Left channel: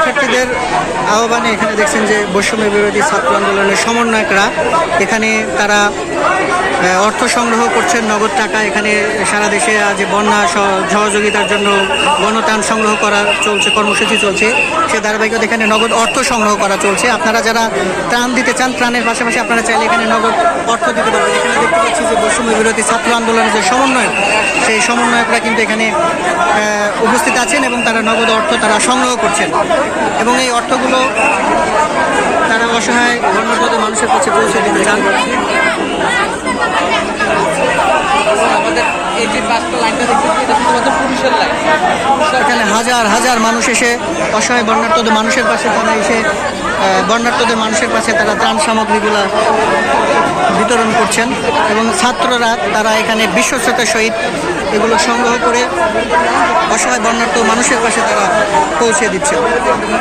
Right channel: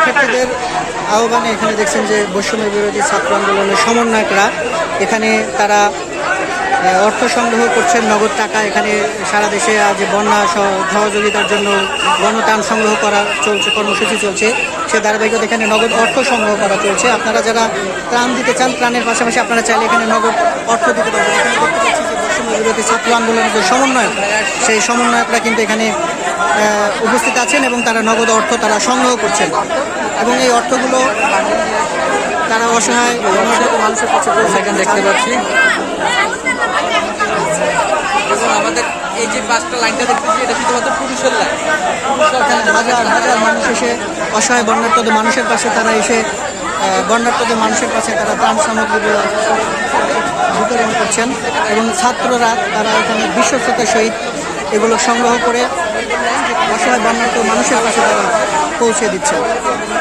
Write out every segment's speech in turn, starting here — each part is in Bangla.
শিক্ষার্থীদের আহ্বানে এখানে দেখছেন যে বৈষম্য বিরোধী ছাত্র আন্দোলনের সমন্বয়করা। এখানে তারা অর্থ সংগ্রহ করছেন নগদ টাকা। এখানে সারা দেশে আজ বন্যা সহ- সহযোগিতার জন্য গণতান সংগ্রহ করা চলছে, কর্মসূচি চলছে। সে ধারাবাহিকতা এখানে নগদ অর্থ সংগ্রহ করা চলছে। আপনারা যারা ত্রাণ দিতে চান, ত্রাণের পাশাপাশি আপনারা চাইলে এখানে নগদ অর্থ দিতে পারবেন। এখানে দেখতে পাচ্ছি যে বৈষম্য বিরোধী ছাত্র আন্দোলনের যে সমন্বয়ক, সেই সমন্বয়করা কিন্তু এখানে উপস্থিত আছেন এবং তারা নগদ অর্থ তারা সংগ্রহ করছেন। এবং এই অর্থগুলো তারা অসহায় বন্যার্থ মানুষের কাছে পৌঁছে দেখতে আমাদের এখানে হাজার হাজার মানুষ এসে অসহায় বন্যার্থদের মানুষের পাশে তারা এসে বন্যার্থদের মানুষের পাশে তারা ত্রাণ সামগ্রীগুলো বিতরণ করছেন এবং ছাত্ররা, তারা এখানে বিশ্বস্ততার সহিত এগুলো সংগ্রহ করে অসহায় বন্যার্থ মানুষের পাশে তারা পৌঁছে দিচ্ছেন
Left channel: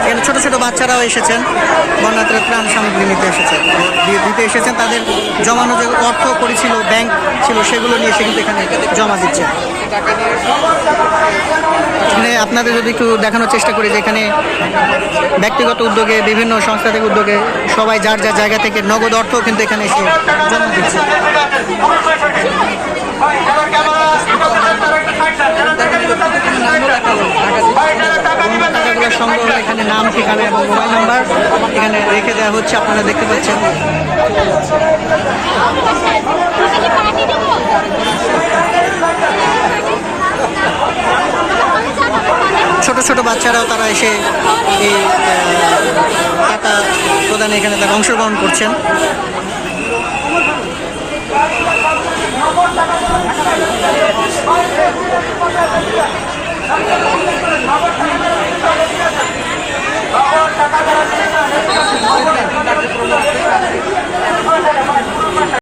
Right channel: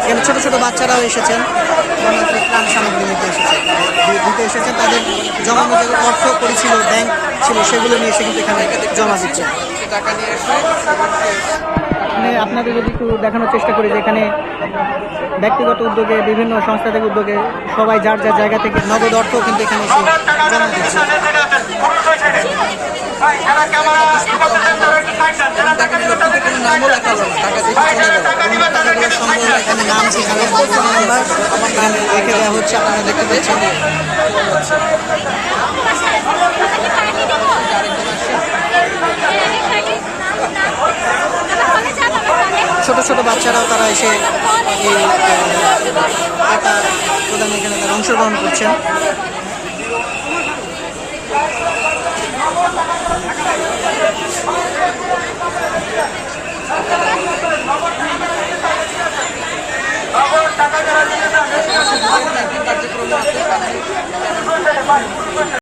এখানে ছোট ছোট বাচ্চারাও এসেছেন, বন্যার্থরা ত্রাণ সামগ্রী নিতে এসেছেন। দিতে এসেছেন, তাদের জমানো যে অর্থ করেছিল, ব্যাংক ছিল, সেগুলো নিয়ে এসে কিন্তু এখানে জমা দিচ্ছেন টাকা এখানে আপনাদের যদি একটু দেখানোর চেষ্টা করি যে এখানে ব্যক্তিগত উদ্যোগে, বিভিন্ন সংস্থা থেকে উদ্যোগে, সবাই যার যার জায়গা থেকে নগদ অর্থ কিন্তু এখানে এসে জমা দিচ্ছে। টাকাগুলো সংগ্রহ এখানে নাম ঠিকানা এবং মোবাইল নাম্বার এখানে রেখে দেওয়া হচ্ছে আপনারা দেখতে পাচ্ছেন। ছোট ছোট বাচ্চারাও তারা এসে এই টাকা প্রদানে এখানে তারা অংশগ্রহণ করছেন। Thank you.